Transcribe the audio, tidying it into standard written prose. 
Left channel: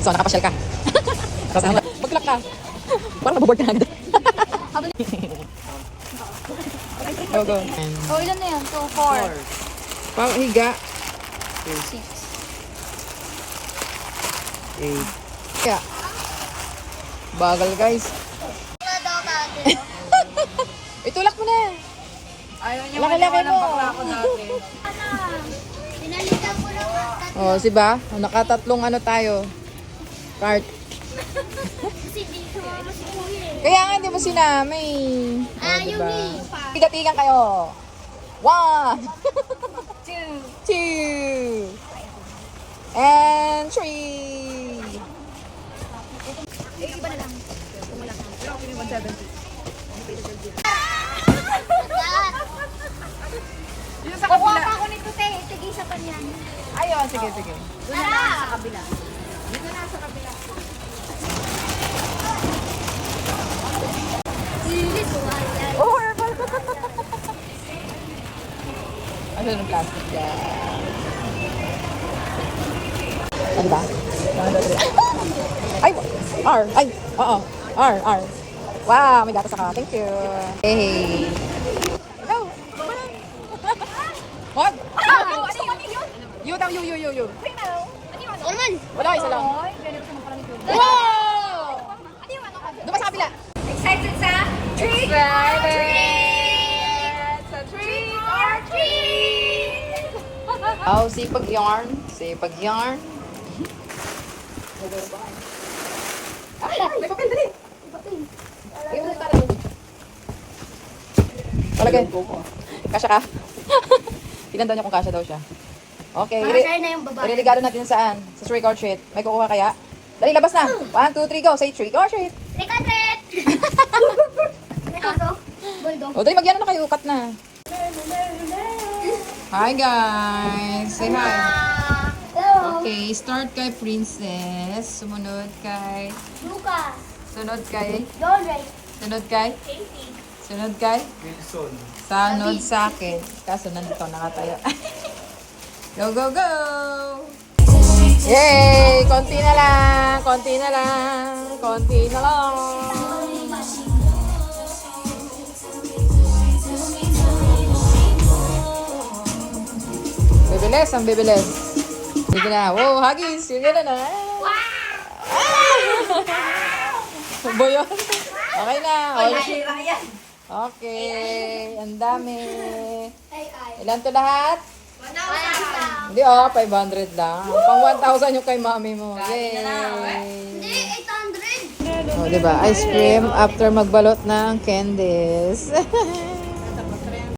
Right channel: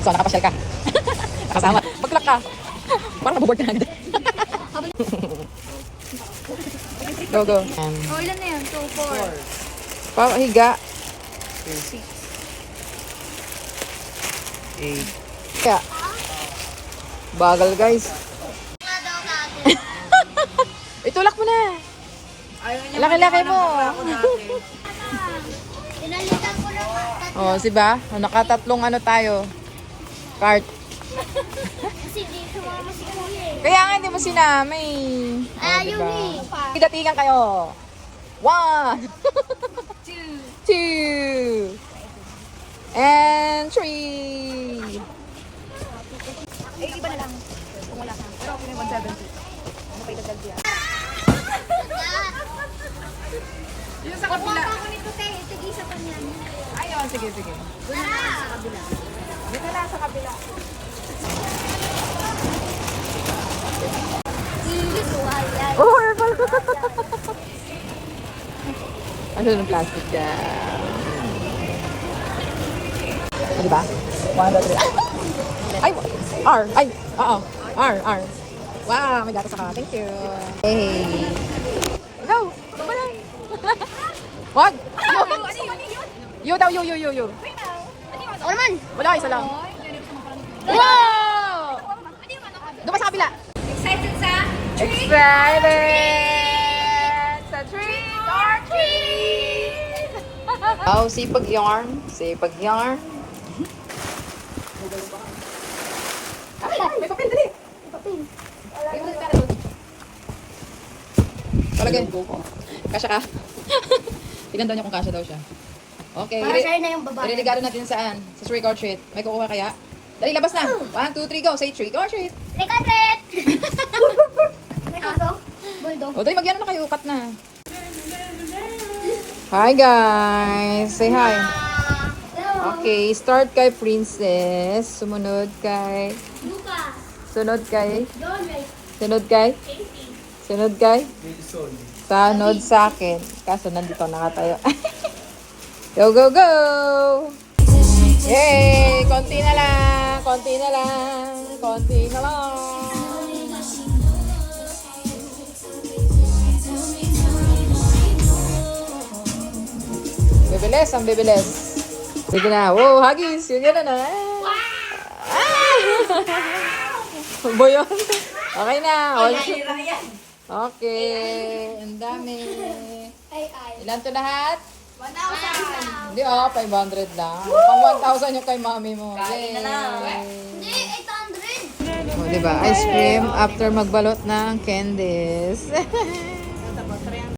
So, nakapasyal ka. Kasama. Mag-clock ka. Parang naboboard ka na agad. Go, go. Oh, ilan na yan? 2, 4. Parang higa. 6. 8. Kaya. Bagal, guys. Itulak mo na. Ayaw niya Laki-laki maniwala ng mo. bakla ko dati. Pinalitan ko lang. Oh, si ba? Nakatatlong ano tayo. Cart. Kasi di sumama si Kuya eh. Kaya nga hindi mo sinama eh. Ayaw diba? eh. Tiga-tigan kayo. 1, 2, and 3. Eh, iba na lang. Wala ka. Pero okay na yung 170. Yung sa Kukuha kabila. pa ako nito, te. Tigisa pa niyan. Ayun, sige, sige. Doon na lang sa kabila. Dito na sa kabila. Ilis, wala. Ano yung plastic na? Ah, diba? 1, 2, 3. Ay! R! Ay! Oo. R! R! Wow! May gatas ako. Thank you. Hey! Go! Wag! You daw, you. Ako naman. Wala, isa lang. Wow! Doon ka sa kabila. Excited sa trick or treat! Trick or treat! Oh, sipag yarn. Sipag yarn. May papel, dali. Palagay. Kasya ka. Tingnan daw niya kung kasya daw siya. Okay. Para na yung babae. Iriligado natin saan? Sa trick or treat. May kukuha kaya? Dali, labas na. 1, 2, 3, go. Say trick or treat. Trick or treat! May aso? Bulldog. O, dali, magyano na kayo. Cut na. Hi, guys. Say hi. Okay, start kay Princess. Sumunod kay... Lucas. Sunod kay... John Ray. Sunod kay... Sunod kay... Sunod sa akin. Kaso nandito na nga tayo. Go, go, go! Yay! Konti na lang! Konti na lang! Konti na lang! Bibilis! Ang bibilis! Sige na! Wow! Hagis! Sige na na! Boyo! Okay na! Okay! Ang dami! Ilan to lahat? 1,000. Hindi 500 lang. Pang 1,000 yung kay mami mo. Yay! Hindi, 800. Oh, diba? Ice cream after magbalot ng candies.